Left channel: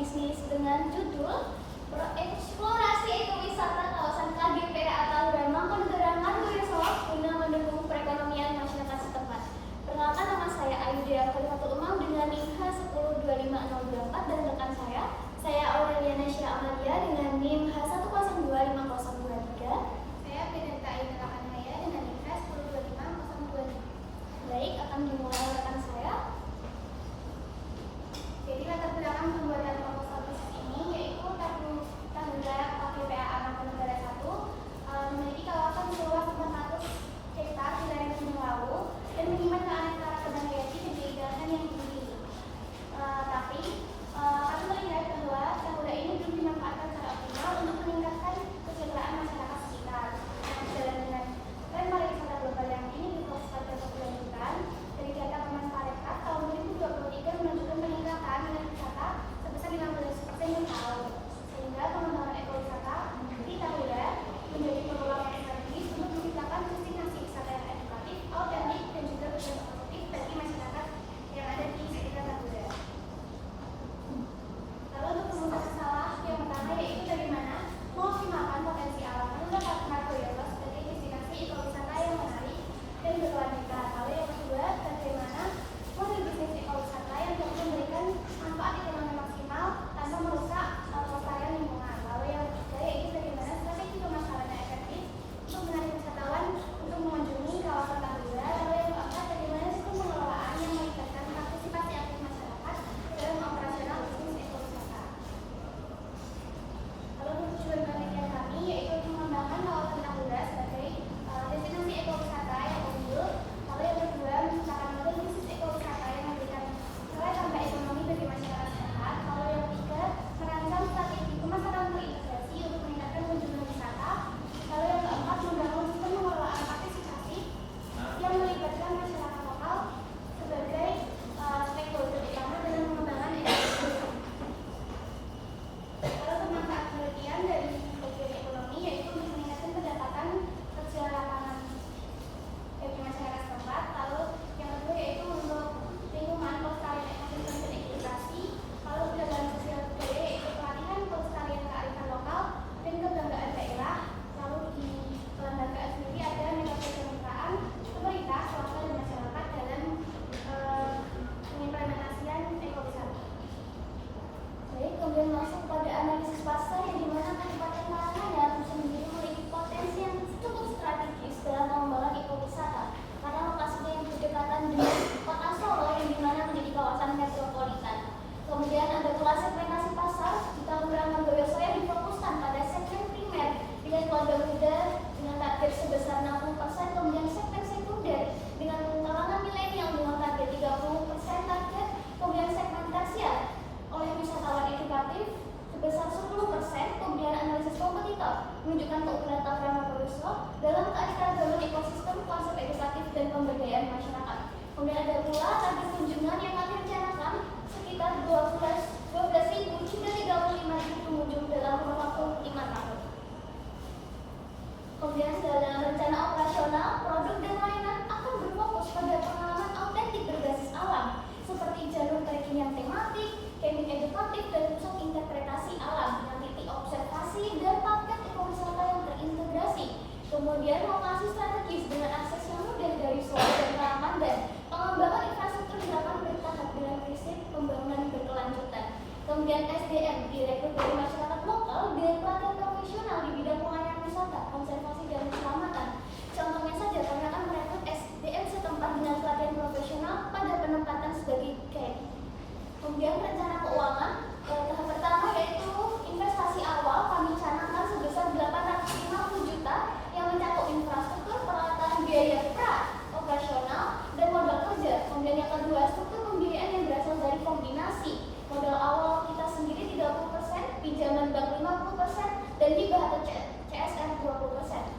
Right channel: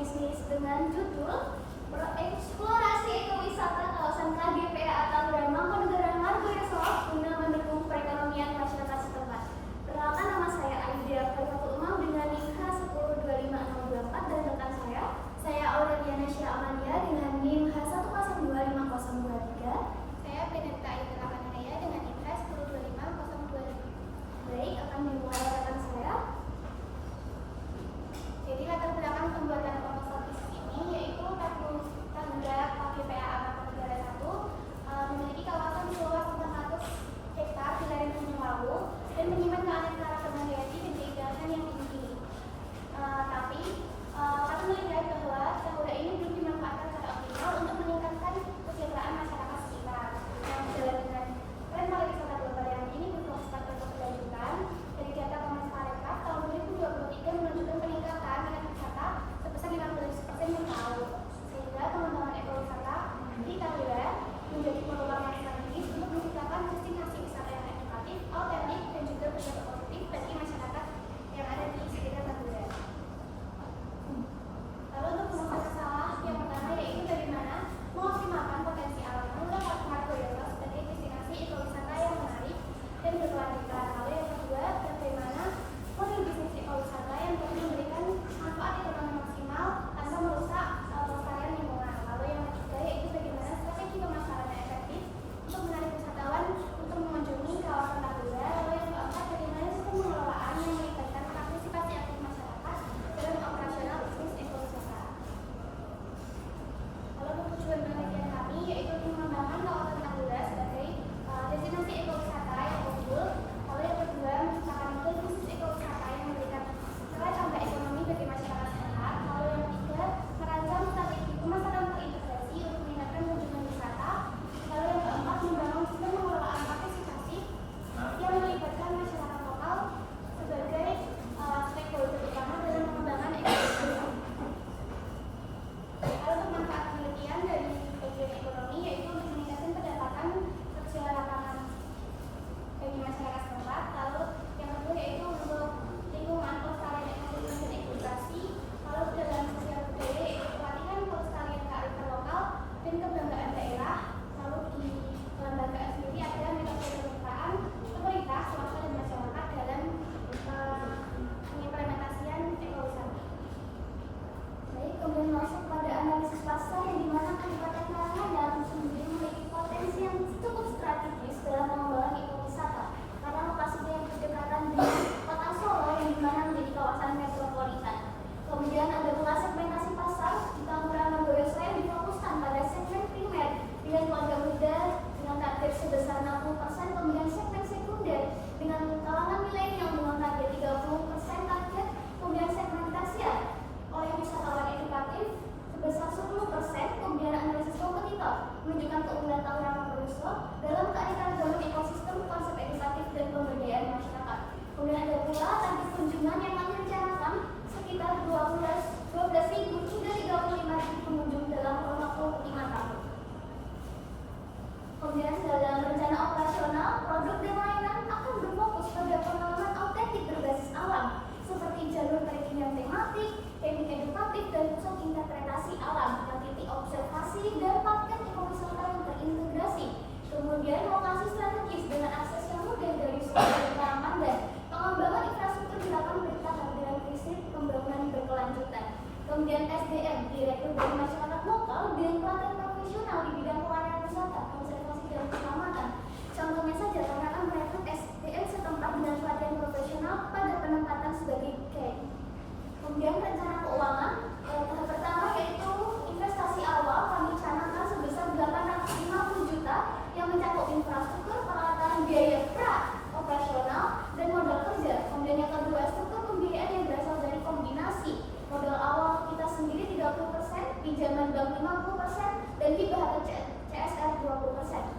bisnis dengan judul Eksplorasi Ekowisata Kawasan KGPA Tauran Mangkunegaran Margoyo Solo guna mendukung perekonomian masyarakat setempat. Perkenalkan, nama saya Aida Khalifatul Umam dengan NIM H1025024 dan rekan saya Aurelia Nasya Amalia dengan NIM H1025023. Saya Benedetta Indra Anaya dengan NIM H1025026. Baik, akan dimulai rekan saya. Jadi latar belakang pembuatan proposal bisnis ini yaitu Tahura KGPA Mangkunegaran 1 memiliki kawasan seluas 400 hektar di lereng Gunung Lawu dan menyimpan keanekaragaman hayati dan keindahan yang tinggi. Tapi kami melihat bahwa Tahura ini belum dimanfaatkan secara optimal untuk meningkatkan kesejahteraan masyarakat sekitar. Dan sejalan dengan tren pariwisata global yang kini berfokus pada keberlanjutan, dari data Kemenparekraf tahun 2023 menunjukkan peningkatan minat wisata sebesar 15% per tahun, sehingga pengembangan ekowisata di Tahura menjadi peluang yang strategis untuk menciptakan destinasi wisata yang edukatif, autentik, dan juga berdampak positif bagi masyarakat yang ada di sekitar Tahura. Lalu untuk mengupas masalah yang pertama yaitu bagaimana mengoptimalkan potensi alam Tahura Margoyo sebagai destinasi ekowisata yang menarik dan berkelanjutan. Lalu yang kedua, bagaimana model bisnis ekowisata yang dapat memberikan manfaat ekonomi maksimal tanpa merusak pelestarian lingkungan. Lalu yang ketiga yaitu bagaimana strategi pemasaran yang efektif untuk menarik wisatawan untuk mengunjungi kawasan Tahura. Lalu yang keempat, bagaimana sistem pengelolaan yang melibatkan partisipasi aktif masyarakat dalam operasional bisnis ekowisata. Lalu tujuan penelitian kami yaitu mengembangkan kawasan Tahura sebagai destinasi ekowisata yang unggul. Lalu yang kedua, menciptakan model bisnis ekowisata yang memberikan nilai tambah ekonomi bagi masyarakat setempat. Lalu yang ketiga, merancang strategi pemasaran terintegrasi untuk meningkatkan kunjungan wisata. Lalu yang keempat, membangun sistem pengelolaan partisipatif yang melibatkan masyarakat lokal sebagai stakeholder utama dalam pengembangan ekowisata. Lalu pemanfaatan penelitian dari bagian ekonomi yaitu untuk meningkatkan pendapatan kerja lapangan bagi masyarakat setempat. Lalu yang kedua yaitu untuk lingkungan, pelestarian ekosistem dan edukasi. Lalu dalam sosial budaya yaitu pelatihan pelestarian kearifan lokal dan kebanggaan daerah. Lalu di kelembagaan sendiri ada metode kemitraan pemerintah, swasta dan masyarakat dalam pengimplementasian ekowisata. Baik, kemudian masuk pada analisis pasar yang dimana Kabupaten Pangandaran sendiri memiliki potensi yang cukup strategis dalam pengembangan ekowisata karena lokasinya yang berdekatan dengan kota Solo yang dimana menjadi kawasan metropolitan. Kemudian ada pula segmentasi pasar di Tahura Margoyo Solo yang difokuskan pada segmen primer dengan keluarga muda dengan target sebesar 60%, kemudian segmen sekunder dengan kalangan milenial dengan target 30% target, kemudian segmen tersier oleh wisatawan edukatif sebesar 10%, kemudian analisis kompetitor menunjukkan keunggulan Tahura Margoyo Solo dalam keanekaragaman ekosistem, konsep edukatif dan pemberdayaan masyarakat. Kemudian ada pula target kunjungan yang kami rencanakan sekitar 12.000 hingga 35.000 pengunjung dalam waktu 5 tahun. Kemudian dalam rencana operasional, produk dan layanan akan berfokus pada pengalaman autentik berbasis alam seperti jalur trekking yang tematik, camping edukatif, dan pusat interpretasi alam dengan titik observasi dan paket ekowisata yang terintegrasi. Kemudian lokasi strategis dengan akses yang mudah dari Solo dan Pangandaran. Pengembangan infrastruktur dilakukan bertahap dengan prinsip pembangunan berkelanjutan. Kemudian SDM direkrut dari masyarakat lokal dengan pelatihan profesional di bidang pelayanan wisata, konservasi dan keselamatan. Contohnya saja kami akan merekrut SDM setempat dengan pelatihan profesional pada penempatan sebagai guide. Kemudian rencana keuangan tahap pertama yaitu investasi awal kami canangkan sebesar 850 juta yang mencakup infrastruktur, peralatan, biaya pra operasional dan modal kerja. Kemudian yang kedua, struktur pembiayaan yang berasal dari kombinasi modal awal kita sendiri 30%, pinjaman bank 50%, dan hibah atau CSR 20%.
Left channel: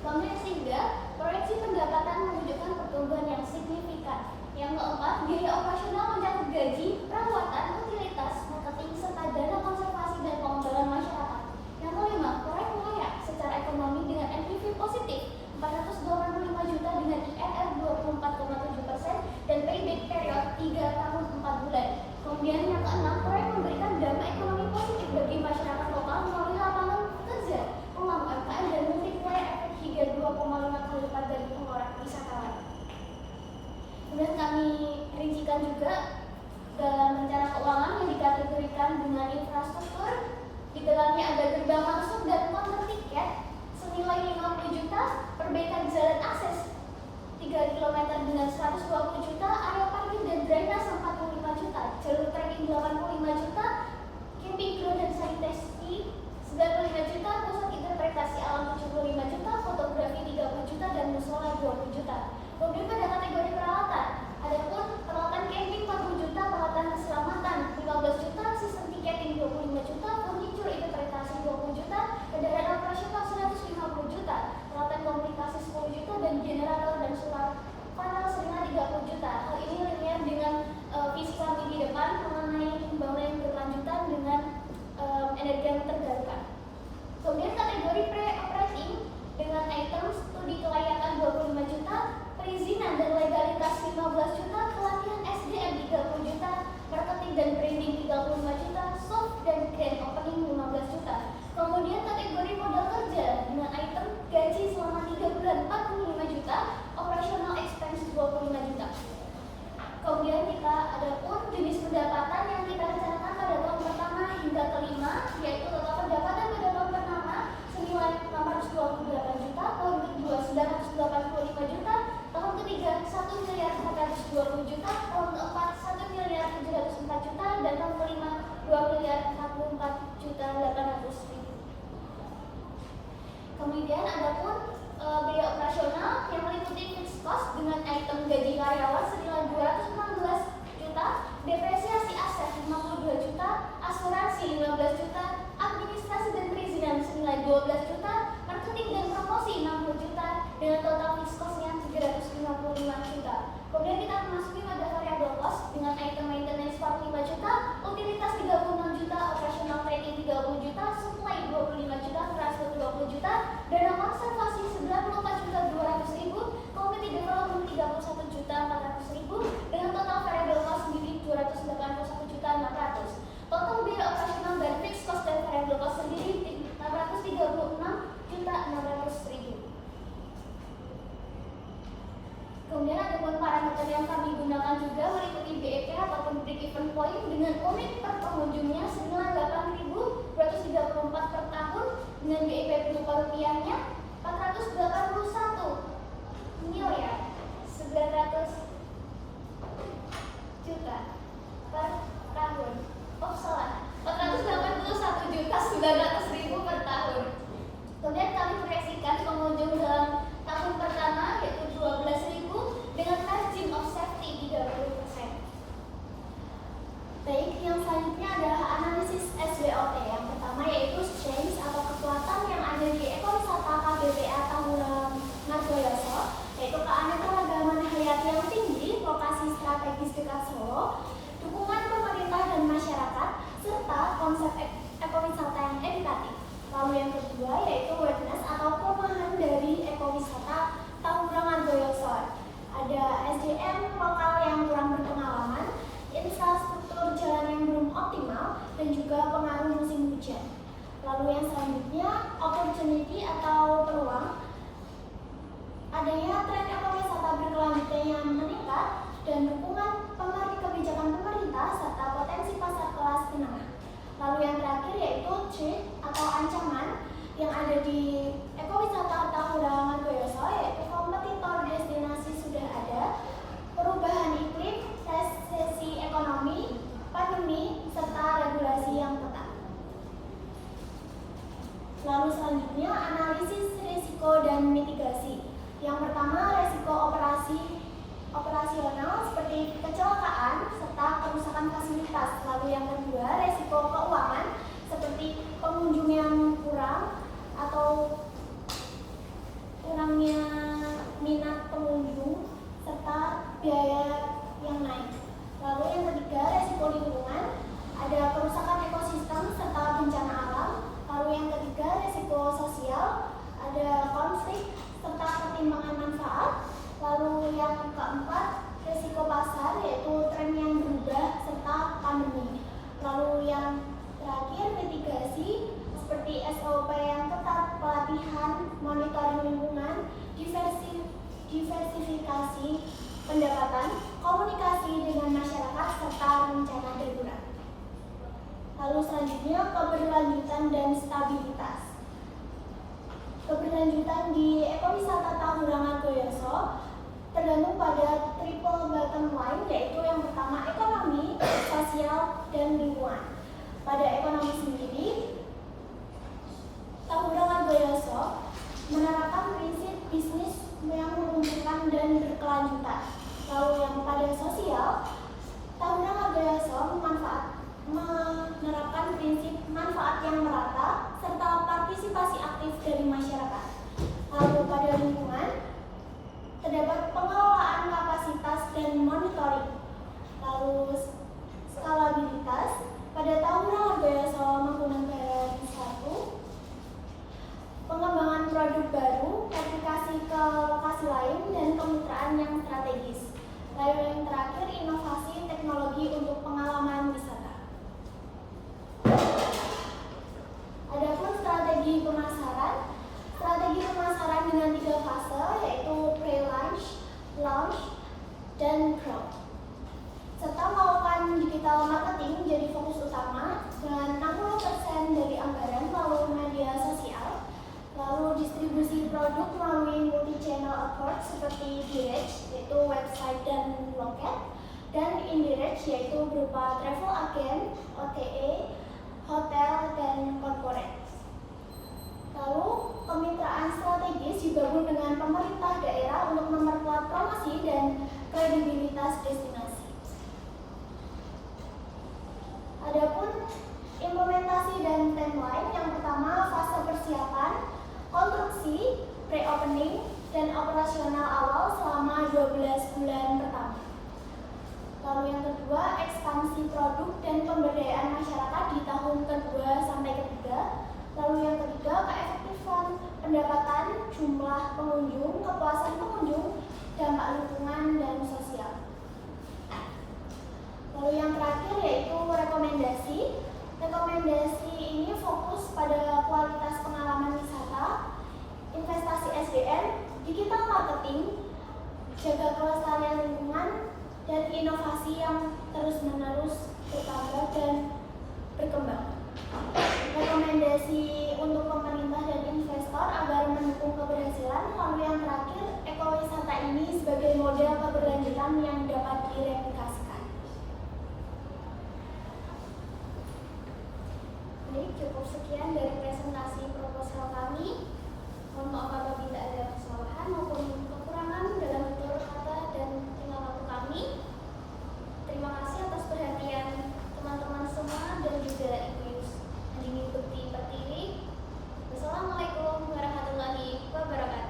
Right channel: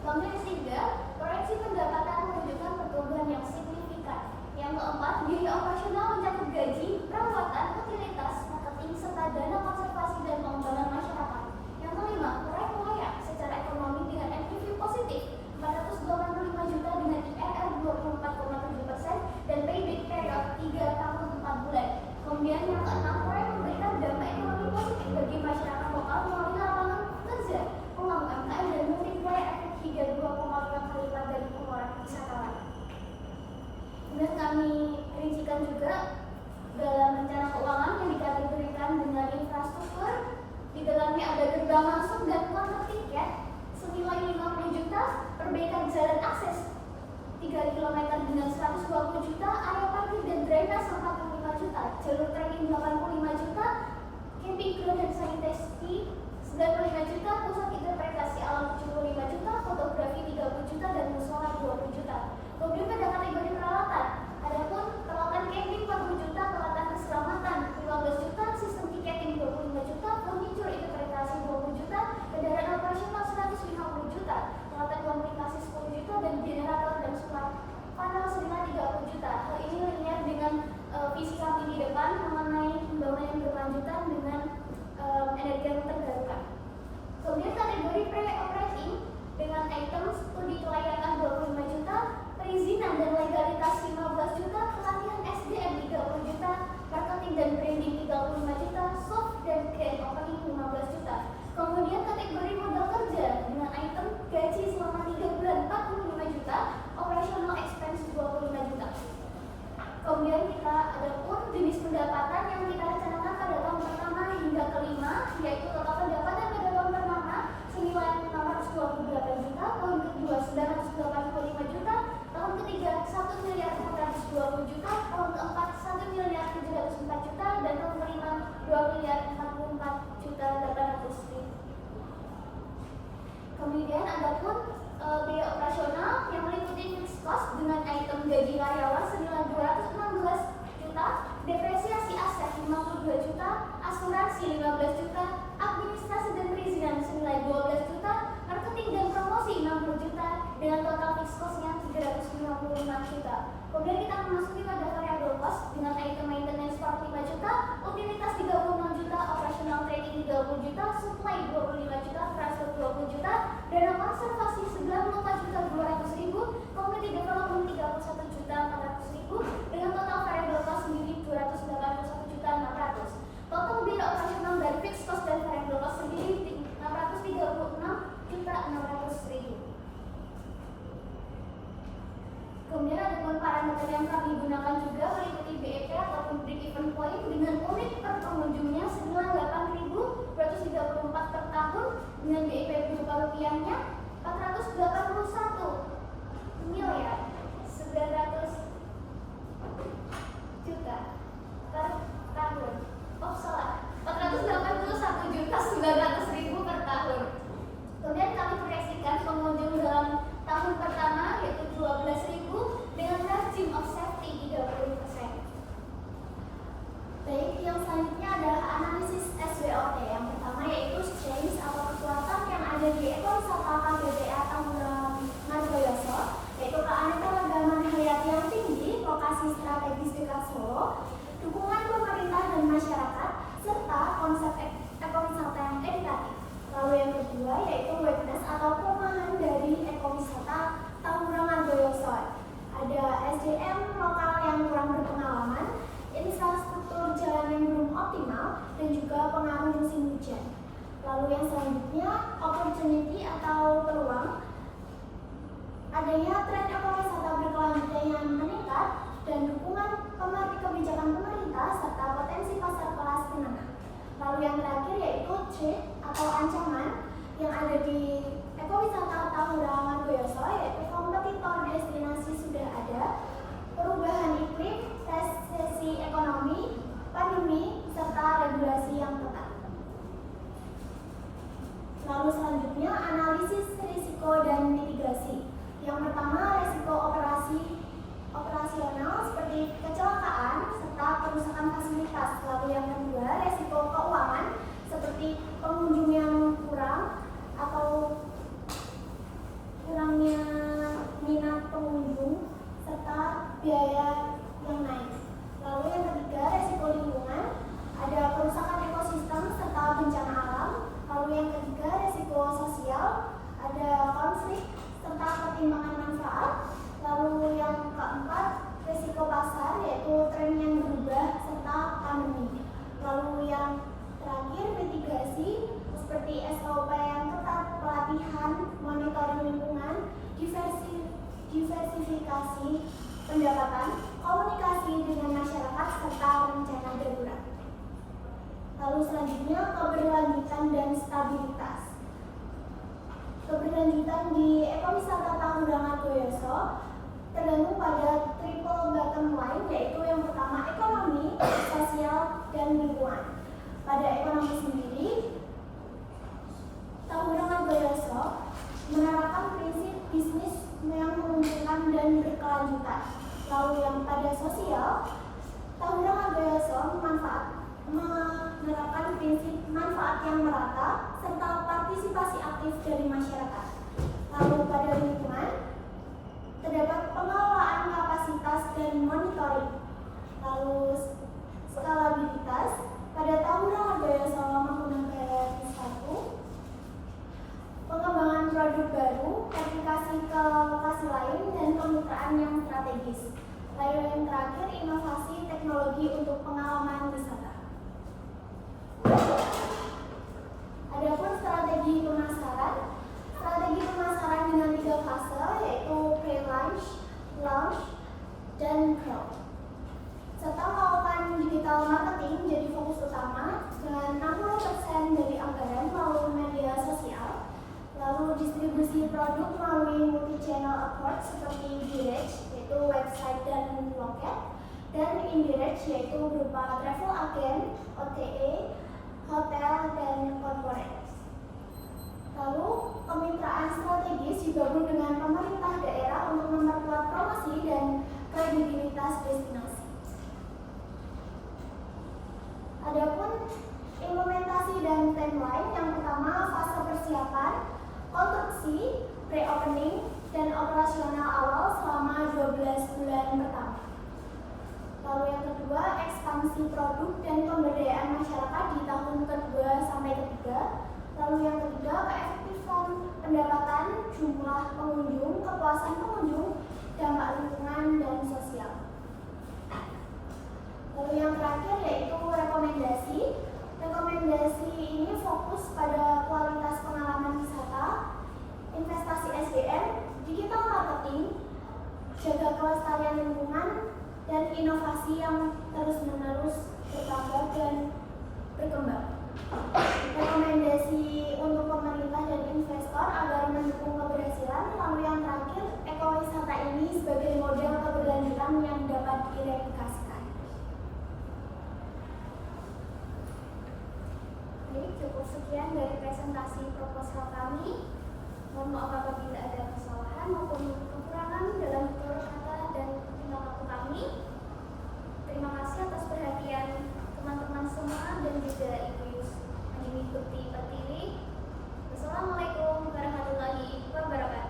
Kemudian ketiga, proyeksi pendapatan menunjukkan pertumbuhan yang signifikan. Yang keempat, biaya operasional mencakup gaji, perawatan, utilitas, marketing, serta dana konservasi dan pengembangan masyarakat. Yang kelima, proyek layak secara ekonomi dengan NPV positif 485 juta dengan IRR 24,7% dan payback period 3 tahun 4 bulan. Kemudian yang keenam, proyek memberikan dampak gaji selama 3 bulan 45 juta, operational expense 25 juta. Kemudian kita ada pun jenis pendapatan yang kita rencanakan pada tahun pertama hingga kelima, yaitu total pendapatan pada tahun pertama senilai 628 juta, tahun kedua 985 juta, tahun ketiga 1 miliar 420 juta, tahun keempat 1 miliar 704 juta, dan tahun kelima 2 miliar 44 juta 800 ribu. Kemudian ada pun biaya operasional yang meliputi fixed cost dengan item gaji karyawan senilai 216 juta, depresiasi aset 52 juta, asuransi 15 juta, administrasi dan perizinan senilai 12 juta, marketing dan promosi 60 juta, dengan total fixed cost-nya 355 juta. Kemudian kita memasuki pada variable cost dengan item maintenance 45 juta, utilitas 36 juta, operational training 30 juta, supply 25 juta, transport 20 juta, dana konservasi 94 juta 200 ribu, community development 31 juta 400 ribu, dengan total variable cost sendiri 281 juta 600. Total biaya operasional dari fixed cost dan variable cost sendiri 636 juta 600 ribu. Kemudian ada pun parameter yang kami gunakan juga meliputi BEP ataupun break even point dengan unit per pengunjungnya senilai 8.234 per tahun dengan BEP berupa rupiahnya 481 miliar 900 juta per tahun. Oh salah, 481 juta 900 ribu per tahun. Kemudian kami proyeksikan pengunjung dalam tahun pertama yaitu 12.000 dengan margin of safety 30%. Baik, yang selanjutnya adalah analisis SWOT. Yang pertama yaitu strength atau kekuatan yang ada di ekowisata KBPA Tahura Margoyoso, yaitu keanekaragaman hayati yang tinggi, lokasi strategis dekat Solo, dukungan pemerintah dan masyarakat, serta konsep ekowisata yang edukatif. Lalu yang kedua yaitu awareness atau pemahaman dari ekowisata Tahura Margoyoso. Ada SDM lokal yang kurang berpengalaman, infrastruktur jalan yang belum optimal, dan juga pengaruh musim hujan. Lalu yang selanjutnya opportunity atau peluang. Adanya tren ekowisata berkelanjutan yang meningkat dan dukungan kebijakan pemerintah serta potensi pasar kelas menengah. Lalu yang terakhir yaitu threat atau ancaman yang ada di ekowisata Tahura Margoyoso, yaitu kompetitor destinasi sudah ada, perubahan iklim, resesi ekonomi, pandemi, serta regulasi yang ketat. Lalu selanjutnya analisis risiko dan mitigasi. Yang pertama risiko operasional seperti kecelakaan serta kerusakan fasilitas. Lalu yang kedua risiko keuangan seperti pengunjung yang kurang atau kurangnya minat pengunjung serta biaya yang naik. Lalu yang ketiga risiko lingkungan, ada kerusakan ekosistem serta bencana alam. Lalu yang ketiga risiko sosial, ada konflik serta pertimbangan manfaat. Lalu yang keempat risiko pasar, yaitu tren yang berubah serta pandemi. Lalu yang terakhir mitigasi seperti SOP yang ketat, pelatihan, monitoring lingkungan, diversifikasi pendapatan, komunikasi dengan masyarakat, serta rencana darurat. Lalu selanjutnya keberlanjutan dan stabilitas. Keberlanjutan di ekowisata Tahura Margoyoso tergantung pada triple bottom line, yaitu yang pertama ekonomi, sosial, dan lingkungan. Pada ekonomi sendiri, Tahura Margoyoso menerapkan prinsip bisnis yang menguntungkan dan berkelanjutan. Lalu yang pada sosial, Tahura Margoyoso menerapkan prinsip manfaat yang merata serta partisipasi aktif dari masyarakat. Lalu pada lingkungan, terdapat pengelolaan kapasitas dan monitoring. Lalu skalabilitas, pada Tahura Margoyoso menggunakan satu, pengembangan produk baru, aplikasi ke lokasi lain, dan kemitraan yang strategis. Lalu yang terakhir, inovasi teknologi untuk pengalaman wisata. Adapun strategi pemasaran distribusi produk melalui multi-channel approach seperti direct, yaitu website dan loket, dan indirect, yaitu berupa travel agent, OTA, hotel, dan corporate. Lalu, kemitraan strategis digabung dengan pemerintah daerah untuk memperkuat promosi dan kredibilitas destinasi. Adapun implementasi dan timeline, yang pertama fase persiapan, konstruksi, pre-opening, dan operasional awal selama 12 bulan pertama. Lalu yang kedua, ekspansi produk dan pemberdayaan masyarakat di tahun kedua sampai ketiga. Lalu yang ketiga, keefektifan pendapatan, jumlah pengunjung, kepuasan pengunjung, dampak lingkungan, dan sosial. Lalu yang terakhir yaitu rekomendasi. Rekomendasi ini fokus pada kualitas pengalaman wisata, investasi SDM, digital marketing, jaga kelestarian lingkungan, dan inovasi yang terus-menerus bertambah dan berkembang. Rekomendasi untuk pemerintah dan investor agar mendukung keberhasilan. Lalu yang terakhir, ekowisata ini sebagai model keberlanjutan yang dapat direplikasikan. Jadi cukup sekian dari presentasi proposal kami. Mohon maaf apabila ada kesalahan maupun kekurangan dalam tutur kata dan tingkah laku kami. Terima kasih atas perhatian teman-teman semua dan juga Ibu Andini Bukti Pertiwi. Wassalamualaikum warahmatullahi wabarakatuh.